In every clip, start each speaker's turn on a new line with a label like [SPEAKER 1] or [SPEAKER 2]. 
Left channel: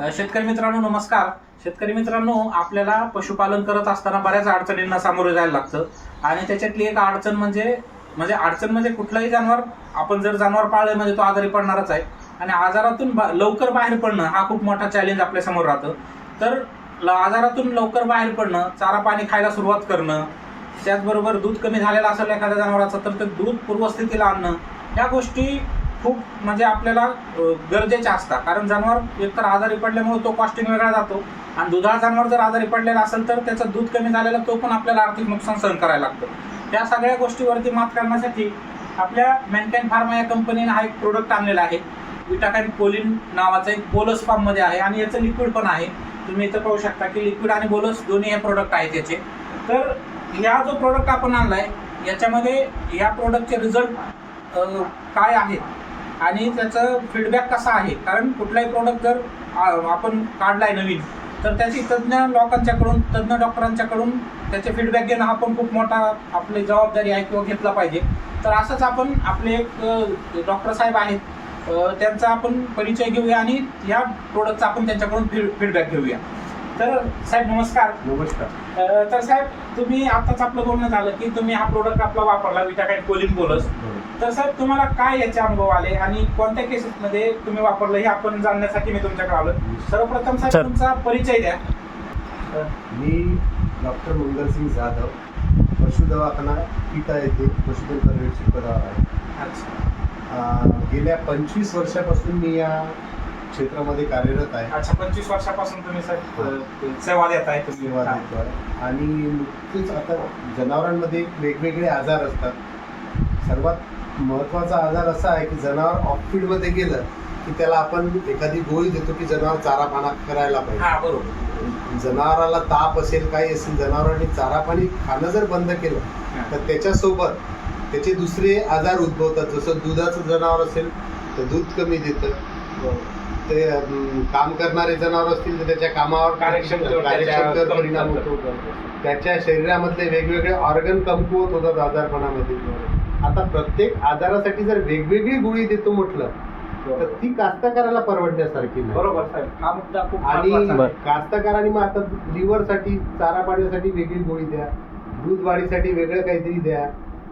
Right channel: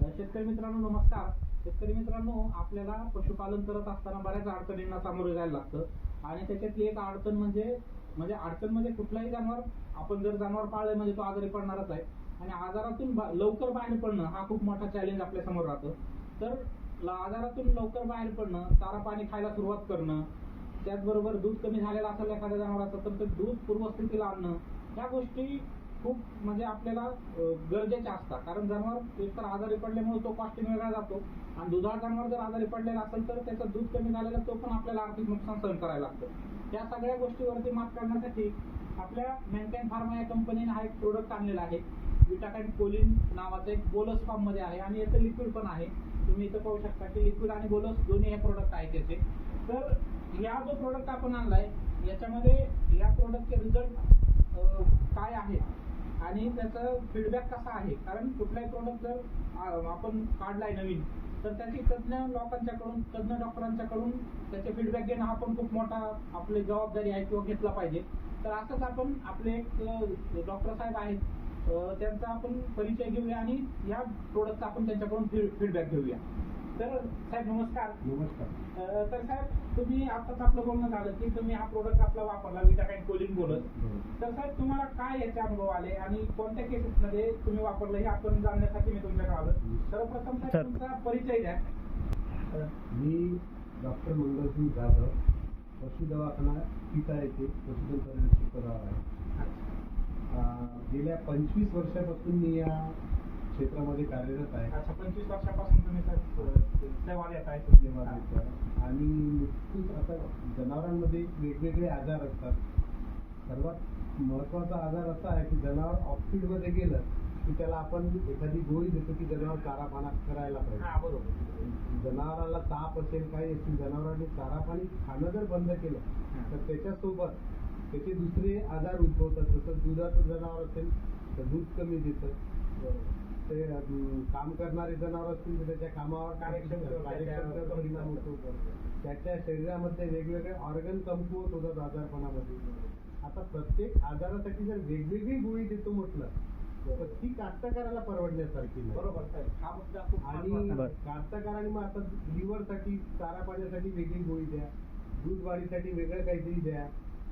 [SPEAKER 1] शेतकरी मित्रांनो नमस्कार. शेतकरी मित्रांनो आपल्याला पशुपालन करत असताना बऱ्याच अडचणींना सामोरे जायला लागतं. आणि त्याच्यातली एक अडचण म्हणजे म्हणजे अडचण म्हणजे कुठलंही जनावर आपण जर जनावर पाळलं म्हणजे तो आजारी पडणारच आहे. आणि आजारातून बा- लवकर बाहेर पडणं हा खूप मोठा चॅलेंज आपल्यासमोर राहतं. तर ल- आजारातून लवकर बाहेर पडणं चारा पाणी खायला सुरुवात करणं त्याचबरोबर दूध कमी झालेलं असेल एखाद्या जनावराचं तर ते दूध पूर्वस्थितीला आणणं या गोष्टी खूप म्हणजे आपल्याला गरजेचे गरजेच्या असतात. कारण जनावर एकतर आजारी पडल्यामुळे तो कॉस्टिंग वेगळा जातो आणि दुधाळ जनावर जर आजारी पडलेला असेल तर त्याचं दूध कमी झालेलं तो पण आपल्याला आर्थिक नुकसान सहन करायला लागतं. त्या सगळ्या गोष्टीवरती मात करण्यासाठी आपल्या मॅनकाइन फार्मा या कंपनीने हा एक प्रोडक्ट आणलेला आहे. विटाकॅन कोलिन नावाचं एक बोलस फॉर्ममध्ये आहे आणि याचं लिक्विड पण आहे. तुम्ही इथं पाहू शकता की लिक्विड आणि बोलस दोन्ही हे प्रोडक्ट आहेत याचे. तर या जो प्रोडक्ट आपण आणला आहे याच्यामध्ये या प्रोडक्टचे रिझल्ट काय आहेत? आणि त्याचं फीडबॅक कसा आहे? कारण कुठलाही प्रोडक्ट जर आपण आपण काढलाय नवीन तर त्याची तज्ज्ञ लोकांच्याकडून तज्ज्ञ डॉक्टरांच्याकडून त्याचे फीडबॅक घेणं हा पण खूप मोठा आपली जबाबदारी आहे किंवा घेतला पाहिजे. तर असंच आपण आपले एक डॉक्टर साहेब आहेत त्यांचा आपण परिचय घेऊया आणि या प्रोडक्टचा आपण त्यांच्याकडून फीडबॅक घेऊया. तर साहेब नमस्कार.
[SPEAKER 2] नमस्कार.
[SPEAKER 1] अ, तर साहेब तुम्ही आताच आपलं बोलणं झालं की तुम्ही हा प्रोडक्ट आपला वापरला विटाकाईन कोलिन बोलस तर साहेब तुम्हाला काय याचे अनुभव आले आणि कोणत्या केसेस मध्ये तुम्ही वापरलं हे आपण जाणण्यासाठी मी तुमच्याकडे आलो सर्वप्रथम
[SPEAKER 3] सर.
[SPEAKER 1] साहेब तुमचा परिचय द्या.
[SPEAKER 2] मी डॉक्टर मंगलसिंग जाधव पशु दवाखाना पिता येथे पशुधन पर्यवेक्षक पदावर आहे.
[SPEAKER 1] अच्छा.
[SPEAKER 2] अं, गेल्या पंचवीस वर्षापासून मी या क्षेत्रामध्ये कार्यरत आहे.
[SPEAKER 1] अच्छा पंचवीस वर्षापासून तुम्ही अ, सेवा देत आहे तुम्ही.
[SPEAKER 2] सेवा. देतो आहे. आणि नुकतीच आता जनावरांमध्ये वेगवेगळे आजार असतात. सर्वात महत्त्वाचा आजार असा आहे की जनावर ऑफ फील्डमध्ये गेलं की त्याला आपण एखादी गोळी देतो की जनावर चारा पाना करायला पाहिजे.
[SPEAKER 1] हा बरोबर.
[SPEAKER 2] जनावराला ताप असेल काही असेल जनावरांनी चारा पाणी खाणं जर बंद केलं. तर त्याच्यासोबत त्याचे दुसरे आजार उद्भवतात. जसं दुधाचं जनावर असेल तर दूध कमी देतं. ते काम करणारे जनावर असतील तर त्याच्या कामावर
[SPEAKER 1] कार्यक्षमतेवर
[SPEAKER 2] परिणाम होतो. त्याच्या शरीरामधले वेगवेगळे ऑर्गन कमकुवत होतात आजारपणामध्ये. आता प्रत्येक आजारासाठी जर वेगवेगळी गोळी देतो म्हटलं तर ती कास्तकाराला परवडण्यासारखी नाही.
[SPEAKER 1] बरोबर साहेब.
[SPEAKER 2] आणि. कास्तकारांनी मग आता लिव्हरसाठी चारा पाण्यासाठी वेगळी गोळी द्या दूध वाढीसाठी वेगळं काहीतरी द्या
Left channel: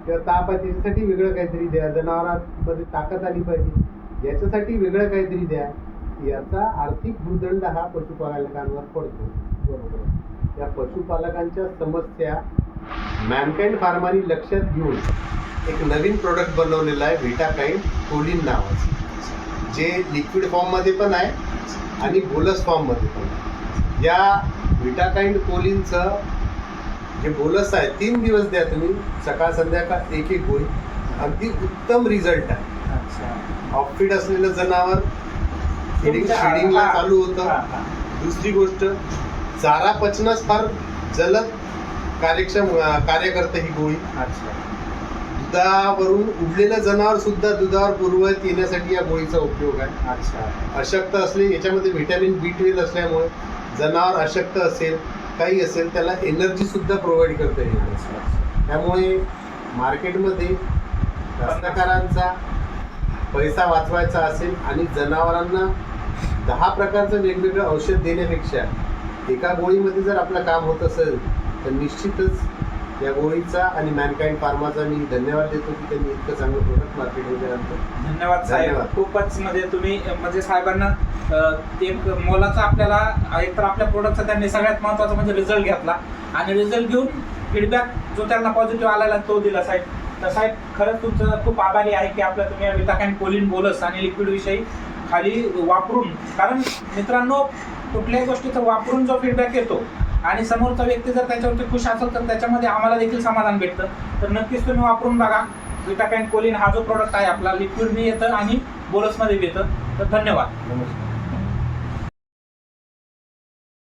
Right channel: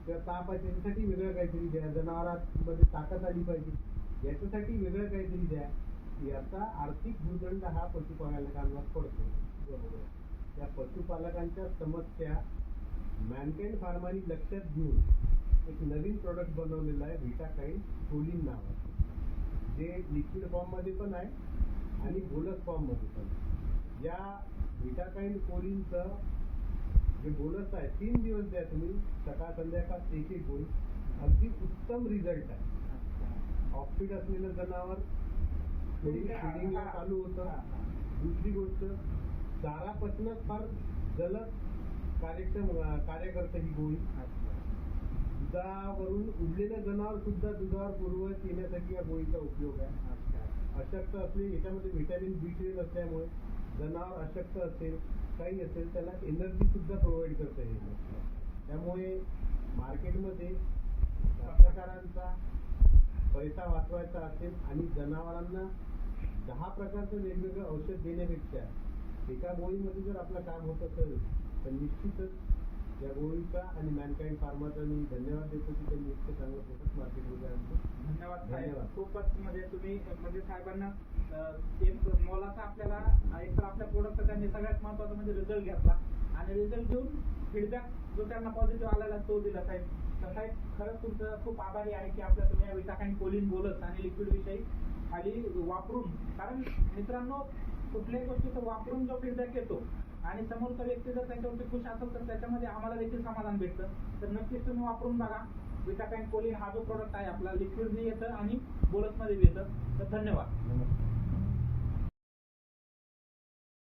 [SPEAKER 2] किंवा ताप आहे त्याच्यासाठी वेगळं काहीतरी द्या जनावरांमध्ये ताकद आली पाहिजे याच्यासाठी वेगळं काहीतरी द्या. याचा आर्थिक भूदंड हा पशुपालकांवर पडतो. बरोबर. या पशुपालकांच्या समस्या मॅनकाइंड फार्मानी लक्षात घेऊन एक नवीन प्रोडक्ट बनवलेला आहे व्हिटाकाईन कोलिन नावाचं. जे लिक्विड फॉर्ममध्ये पण आहे आणि बोलस फॉर्ममध्ये पण आहे. या विटाकाइंड कोलिनचं जे बोलस आहे तीन दिवस द्या तुम्ही सकाळ संध्याकाळ एक एक गोळी. अगदी उत्तम रिझल्ट आहे.
[SPEAKER 1] अच्छा.
[SPEAKER 2] ऑफिड असलेलं जनावर चालू होतं. दुसरी गोष्ट चारा पचनच फार जलद कार्यक्षम कार्य करते ही गोळी. दुधावरून उडलेलं जनावर सुद्धा दुधावर पूर्वत येण्यासाठी या गोळीचा उपयोग आहे.
[SPEAKER 1] अच्छा.
[SPEAKER 2] अशक्त असले याच्यामध्ये व्हिटॅमिन बी ट्वेल्व असल्यामुळे जनावर अशक्त असेल काही असेल त्याला एनर्जी सुद्धा प्रोव्हाइड करता येईल त्यामुळे मार्केटमध्ये कास्तकारांचा पैसा वाचवायचा असेल आणि जनावरांना दहा प्रकारचं वेगवेगळं औषध देण्यापेक्षा एका गोळीमध्ये जर आपलं काम होत असेल तर निश्चितच या गोळीचा आणि मॅनकाइंड फार्माचा मी धन्यवाद देतो की त्यांनी इतकं चांगलं प्रोडक्ट मार्केटमध्ये आणलं.
[SPEAKER 1] धन्यवाद साहेब.
[SPEAKER 2] धन्यवाद.
[SPEAKER 1] खूपच म्हणजे तुम्ही म्हणजे साहेबांना अ, एक मोलाचा आपल्याला एक तर आपल्या प्रोडक्टचा त्यांनी सगळ्यात महत्त्वाचा म्हणजे रिझल्ट घेतला. आणि रिझल्ट घेऊन फीडबॅक जो त्यांना पॉझिटिव्ह आलेला तो दिला साहेब. तर साहेब खरंच तुमचं खूप आभारी आहे की आपलं तुम्ही विटाकाइन कोलिन बोलस आणि लिक्विड विषयी खाली वापरून कारण मित्रांनो कुठल्याही गोष्टीचा वापरून जो फीडबॅक येतो आणि समोरचा व्यक्ती जर त्याच्यावरती खुश असेल तर त्याच्यामध्ये आम्हाला देखील समाधान भेटतं. तर नक्कीच तुम्ही वापरून बघा. विटाकाइन कोलिन हा जो प्रोडक्ट आहे आपला लिक्विडने येतं आणि बोलसमध्ये येतं. तर धन्यवाद.
[SPEAKER 2] नमस्कार.